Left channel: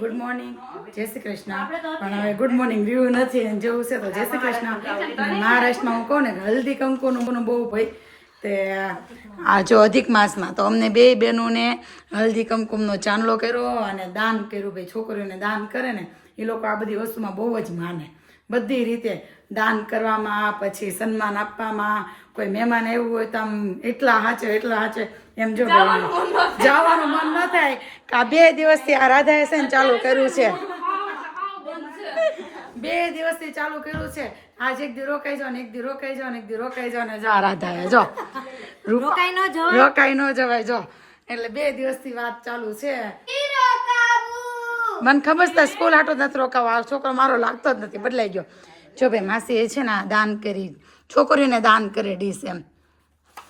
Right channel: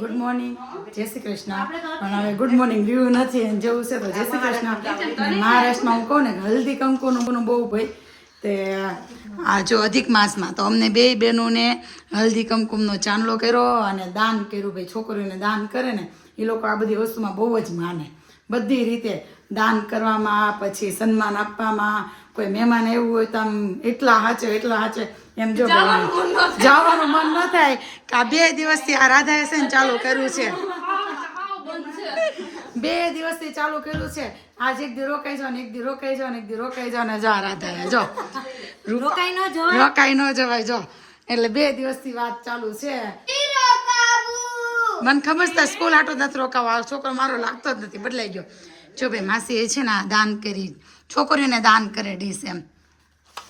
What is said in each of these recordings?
Good morning, જય શ્રી કૃષ્ણ. પણ હવે ગુડ મોર્નિંગ વ્યૂ નથી અને જવું છે તો જય શ્રી કૃષ્ણ. મહારાષ્ટ્રમાં હું કહું ને હલ્દી કંકુનું બહુ ભાઈ તે આ જો અધિક માસમાં તો અમને બે બહેનોને હલ્દી કંકુમનો ચાંદલો કર્યો અને દાન કર્યું. ભાઈ છોકરીઓને દાન કરે ને એ લોકો આ બધી વસ્તુમાં બહુ જ માને, બધી રીતે દાન કરવામાં, પછી સન્માન આપવામાં. કોઈ મહેમાન એવું હોય તો આમ એટલા હાચે એમ જો જવાનું મન ન થાય કે આ 2 દિવસથી આ રાધાએ છે ને ચાલુ કર્યું છે, 2 દિવસથી ચાલુ કર્યું છે. આજ એક દી રોકાઈ જાવ ને એક દી રોકાઈ જાવ ને એક દી રોકાઈ જાવ ને જો આ રાધાએ જો રોકાઈ ન જવાય જો એટલે 2 દિવસથી વાત ચાલુ છે. મને ખબર છે સ્કૂલ હાટો નથી રોકાવા, છોકરો મારો લાગતો જ નથી, બદલાઈ ગયો. જો ભાઈ માસી એ છે ને દાન કરી, છોકરીઓને દાન કરે ડીશ એમ,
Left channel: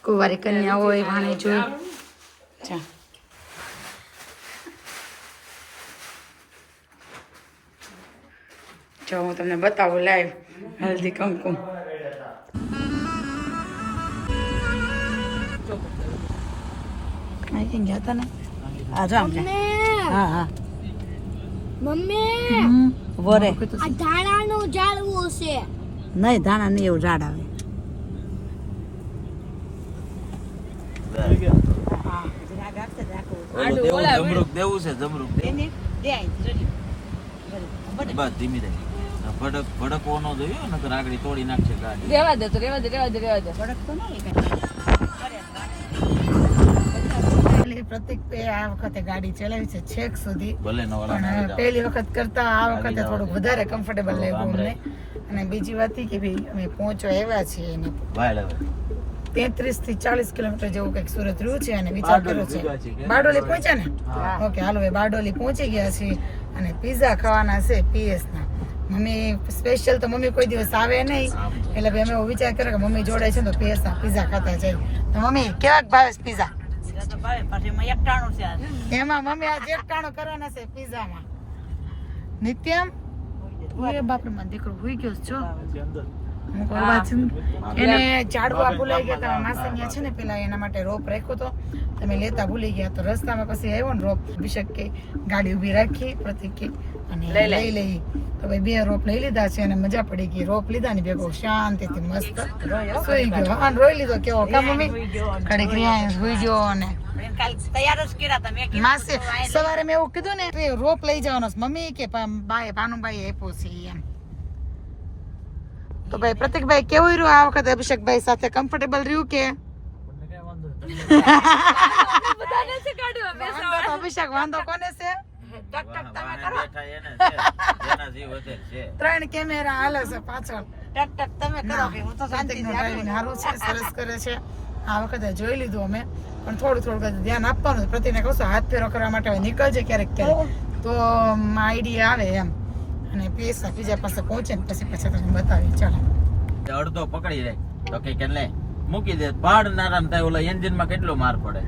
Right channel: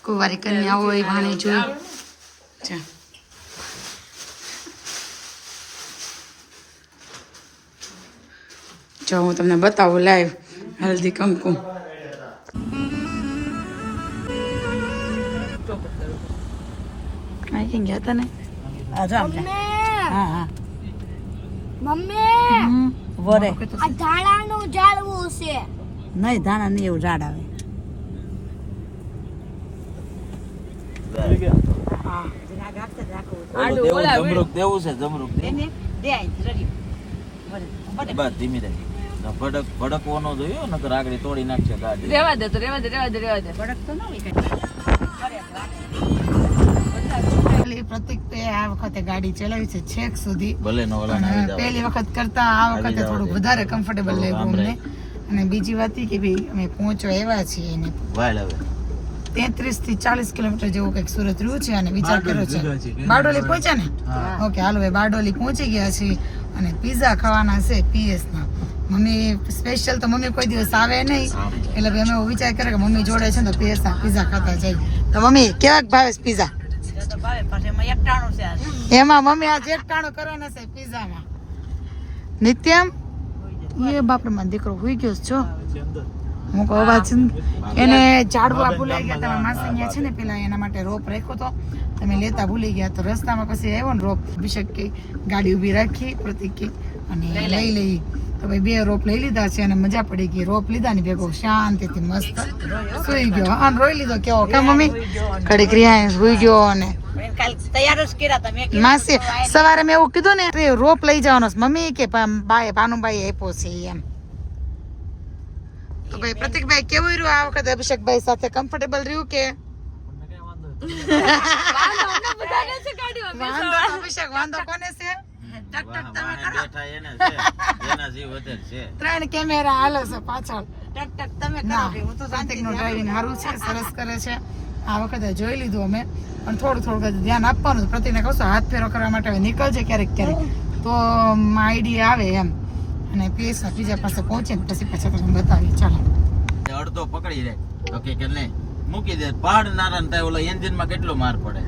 કુંવારી કન્યા હોય ભાણે જોઈ છે. જો હું તમને બતાવું લાઈવ હલ્દી કંકુમ. અહીં ગયા હતા ને આ જો હા હા મમ્મી વરે આ ધાણાનું ઝાડવું છે. નહીં ધાણા નહીં એવું ઝાડ આવે. જમરૂક દેવું છે, જમરૂક બસ ધીમી રહી ભડકવો ન જોયો નકર આગળ તોડી નાખશે ગાડી. રેવા દે પ્રતિક આ વખતે ગાડી ચલાવી છે છેક સુધી, ભલે નો પણ પહેલી વખત કરતા આ વખતે થોડુંક વધારે કમ્ફર્ટેબલ લાગ્યું અમને. અને બીજી વાત એ કે ભાઈ અમે પહોંચવા આવ્યા છીએ ને વાળ હવે 33 થી 40 કિલોમીટર જેવું કંઈક સુરત રહ્યું છે અને વિચાર કર્યો છે બારડોલી પહોંચ્યા ને. ઓકે હાલો ભાઈ બારડોલી પહોંચી ગયા છીએ અને પીઝા ખાવાના છે PS ના. મમ્મી સ્પેશિયલ તો મમ્મી કોઈ દિવસ આવે નહીં એટલે ભાઈ અમે એવો વિચાર કર્યો કે મમ્મી જોડે છે ને તો PS ના પીઝા ખાતા જઈએ. તો મમ્મી કેવા ભાવે પીઝા? એમાં મમ્મી આ એકટાણું કરવાના છે પીઝામાં. નિત્યમ એ બાપરે મારો દીકરો હોઈ ગયો છો. હું કહું અવાજ એને ઝાડવા ભૂલાઈ ગયા. તમે માસી અહીંયા છે ને પેલા એના માટે રોપ રાખ્યો તો તમે લેતા ભૂલી ગયા, તો રસ્તામાં પછી આવ્યો ને રોપ અભિષેક કે ગાડી ઊભી રાખી પ્રતિક કે અને લઈ તો ભાઈ 2 રોપ લઈ લીધા છે અને મજા પડી ગઈ. રોપ લીધા ને ભેગો શાંતિથી મસ્ત સુઈ ગયો. હા રોઈ લીધો કેવો કે મમ્મી ઘડી ક્રિયા સુઈ ગયો. અને માસી સવારે મેં એવું કીધું ને રોપ લઈ જવાનો મમ્મી કે ભાનુભાઈ આપ્યો છે એમ. તો ભાઈ પ્રતિકભાઈ કેવું રહ્યું આ વખતે અભિષેકભાઈ સાથે? કમ્ફર્ટેબલ રહ્યું કે? અભિષેક વાંધો કોને છે? 3 કેમેરા હાલે છે પાછળ. પ્રતિકનું ડ્રાઇવિંગ સારું છે, સરસ કરે છે. આ વખતે જોઈ લીધું અમે, પણ થોડું ધ્યાન આપવાનું. પ્રતિકને કહું હાથ ફેરો કરવા માટે હવે નીકળજે ક્યારેક તો આઈડિયા આવે એમ. અને PS ના બીજા પાસે પહોંચે ને પછી તમને બતાવી. ચાલો અડધો પકડી રે તો કે લે મૂકી દે પહાડ નારા ને ઓલા એન્જિન માં કેટલો માર પડે.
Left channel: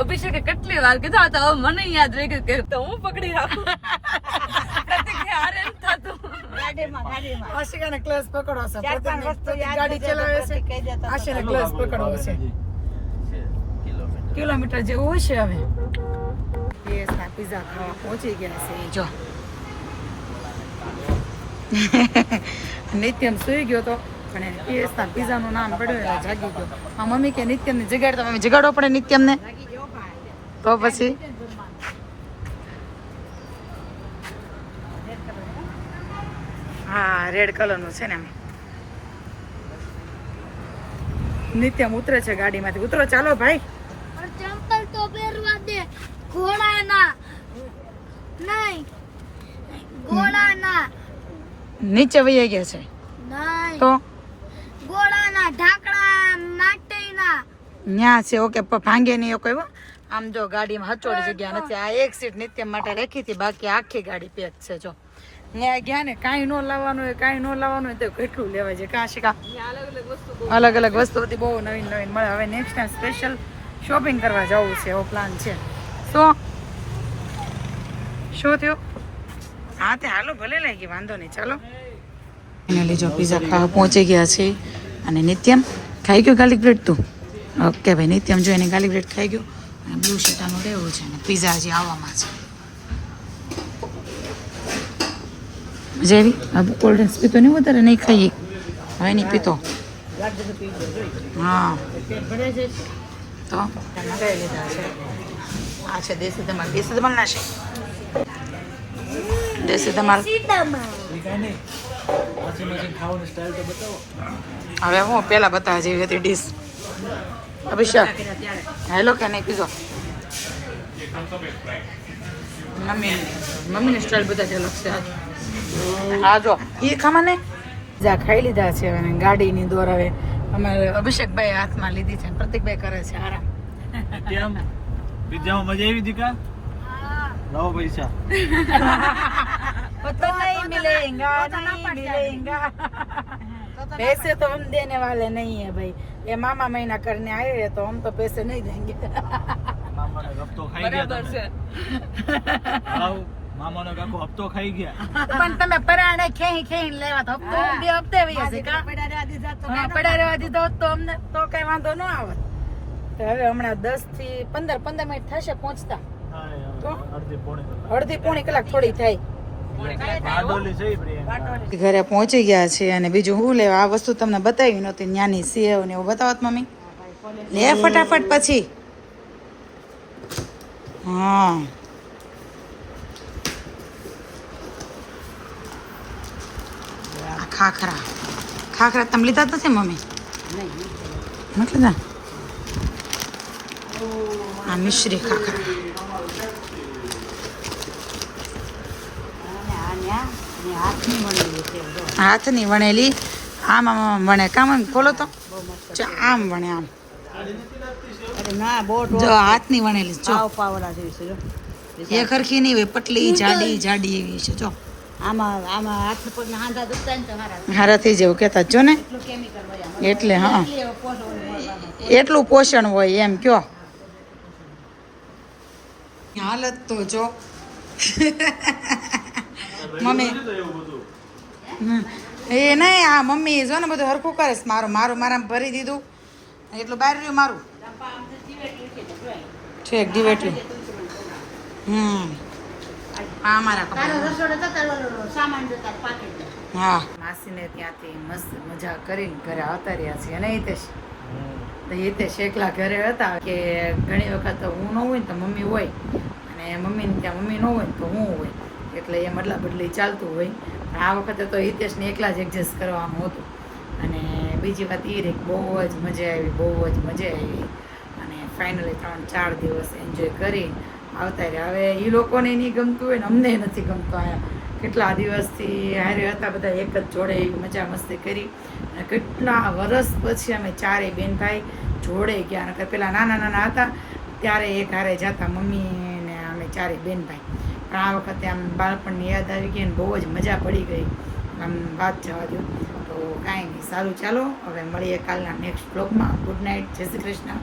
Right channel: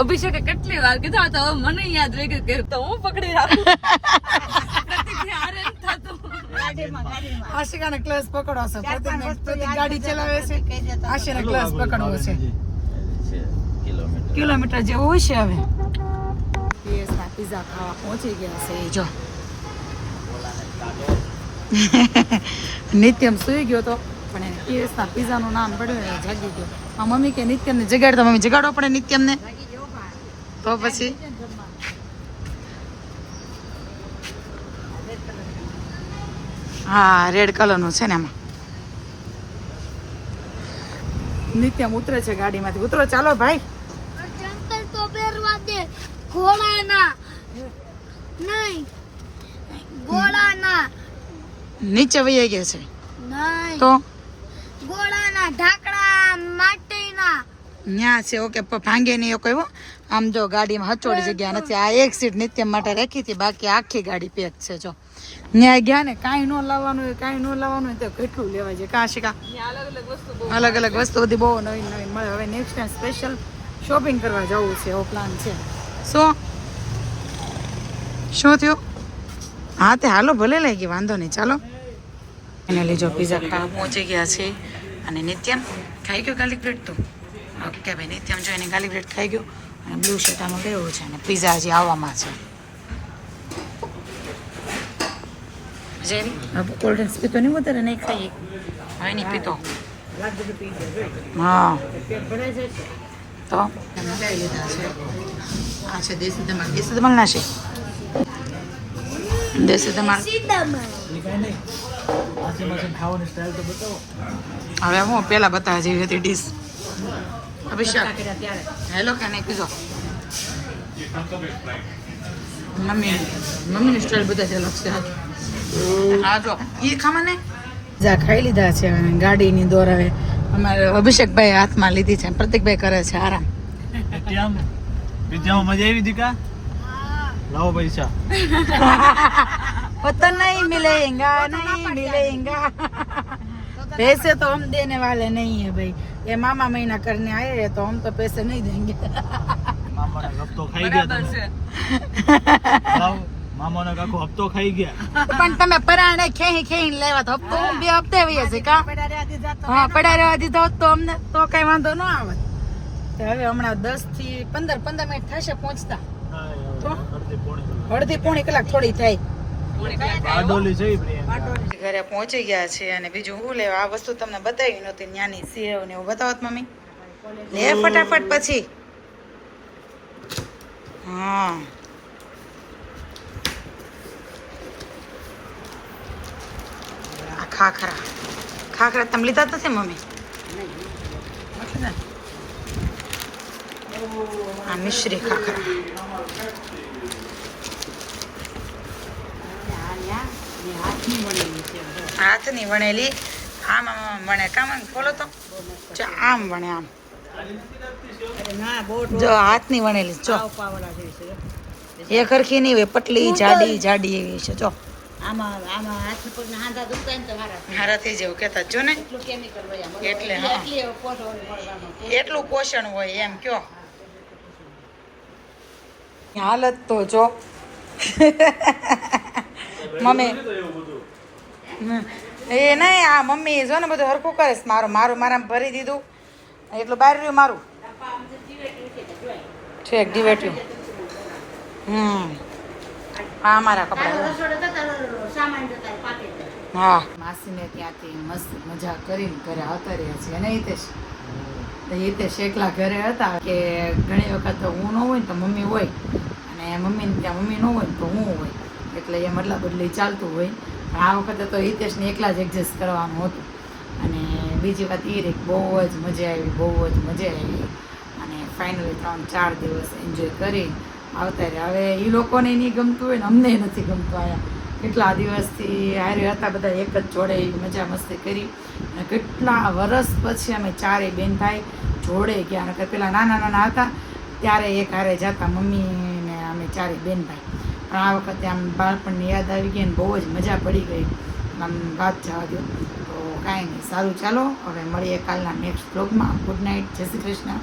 અભિષેકે કેટલી વાર કીધા તો મને યાદ રહી ગયું કે તો હું પકડી આપું. આશિકાને ક્લચ પકડવો છે, પ્રતિક ગાડી ચલાવે છે, આશિકાને ક્લચ પકડવો છે. કિલોમીટર જેવું છે. હવે PS ના પીઝા ખાવા પહોંચી ગયા છે. જો નિત્યમ સુઈ ગયો તો પણ PS ના પીઝા નું નામ પડ્યું એટલે જાગી ગયો. આ મમ્મી કે નિત્યમ ને જગાડતો, મમ્મી જગાડવો પડે નિત્યમ ને તો પછી હા રેડ કલર નું છે ને એમાં. નિત્યમ ઉતરે છે ગાડીમાંથી. ઉતરો ચાલો ભાઈ. ચંપલ તો પહેરવા દે, ઘોડાના નહીં, ઘોડાના નીચે વહી ગયા છે નહીં, તો ઘોડાના ઢાંકણા માટેના ન્યા છે. ઓકે ભાંગે નહીં એવું કહ્યું. આમ જો ગાડીમાં હચોડી જગ્યા નથી. આ એક સીટ નિત્યમ માટે રાખી હતી, બાકી આખી ગાડી પેક છે. જો ન્યાય ગયા ને કાંઈ ન લાવવાનું હોય, કાંઈ ન લાવવાનું હોય તો કેટલું લેવાય છે. કાં શીખા અલગ અલગ વસ્તુ બધી બહુ નવીન મળે. હવે નેક્સ્ટ ટાઈમ સ્પેશિયલ શોપિંગ કરવા જવું છે એવો પ્લાન છે. શું થયું? હા તે હાલો ભલે લઈ ગઈ, વાંધો નહીં. ચાલો એને લીધો પીઝા ખાવા પહોંચી ગયા છે. અને નિત્યમ ખાઈ ગયો ગાર્લિક બ્રેડ? તું ઓકે ભાઈ નિત્યમ જો એને ગાર્લિક બ્રેડ ખાઈ ગયો અને બ્લુ શર્ટ આમાં લેવું છે અને પીઝા હજી આવવામાં છે. જેવી હવે કોલ્ડ ડ્રિંક્સ પીતો નહીં વધારે નહીં ખાઈએ હવે નહીં પીતો હા તો આ છે દેશી ધમાલ ના છે દેશી ધમાલ હવે હું પેલા બતાવવા જેવી હતી ડીશ અભિષેક હેલો કે નહીં કીધો મમ્મીની સ્ટાઇલ બધા અલગ છે હા જો એ ખામાં ને જા ખાઈ લીધા છે અને ગાડીની દોર હવે અમારે અભિષેકભાઈ હાથમાં લીધી છે પ્રતિકભાઈ કરે છે આરામ મજા આવી દીકા લાવો પૈસા पता नहीं मिलेगा नहीं मिलेगा पैसे तो हम देने वाले नहीं है भाई ये मामा महीना करने आए हैं तो हम तो पैसे नहीं देंगे બરાબર છે મામાનો કાકો હપ્તો ખાઈ ગયા પણ તમે પરાણે ખેહી ખેહી લેવા તો હપ્તો હું 2 હપ્તે વઈએ છે કા હા પડા રહેવા દીધો હોત તો અમને તો કઈ વાંધો ન આવત તો હવે હમણાં 10 થી 15 મિનિટ થશે પહોંચતા તો અડધી પોણી કલાક થોડી થાય ઘરે પહોંચી ગયા છે અને બીજું હું લેવા આ વસ્તુ તમને બતાવી નહોતી ન્યાની સેવ ને એવું બતાવત મમ્મી લે ફટાફટ પછી હા આ ખાખરા તમે લીધા નથી મમ્મી નથી ને આ મિશ્રી ખાખરા હાથની વણેલી આમ વણે કામ ખોલો તો આમ વણે આમ જો હાથની વણેલી જો એ ખરખી નહીં હોય પટલી જાડી એવી છે જો હારાથી જેવું કહેતા જો ને એટલે હા એટલું પોષણ હોય એમ કયો હાલત તો જો મમ્મી એ નહીં આ મમ્મી જો ને બધું હરખું કરે છે મારું મારામાં ભરી દીધું એટલું બહાર રહ્યું મારું છે એક દિવેટલું હા મારા કપડા હા માસીને ત્યાંથી મસ્ત મજા કરીને ઘરે આવતા રહ્યા છીએ અને હિતેશ એકલા ઘરે હતા કે ઘણી વખત હું ન હોય ને તો મમ્મી હોય અને મમ્મીને ત્યાં મમ્મી ન હોય ને તો હું હોય એટલે એ મતલબ બદલી ચાલતું હોય પણ આ વખતે તો હિતેશને એકલા જ એડજસ્ટ કરવાનું હતું અને બીજી વાત એ રહી બહુ જ મજા આવી અને ફાઇનલી 3-4 દિવસ એન્જોય કરી આવતા રહ્યા હવે એ લોકોને નહીં ગમતું હોય ને અમને નથી ગમતું અહીંયા કેટલા દિવસથી હારે હતા બધા એક જ જોડે એવી મજા મસ્તી કરી અને કેટલા વર્ષ પછી અમે ચારેય બેન ભાઈ જોડે ગયા નકર પેલા નાના હતા ત્યારે એક હારે જતા મમ્મીને અમે ચારેય બેન ભાઈ પણ આ વખતે આમ બાળપણની યાદ આવી ગઈ અને બહુ જ મજા પડી ગઈ આમ વાત જવા દો તો કાંઈ નહીં સારું ચાલો હવે મળીએ કાલના નેક્સ્ટ બ્લોગમાં ગુડ નાઇટ જય શ્રી કૃષ્ણ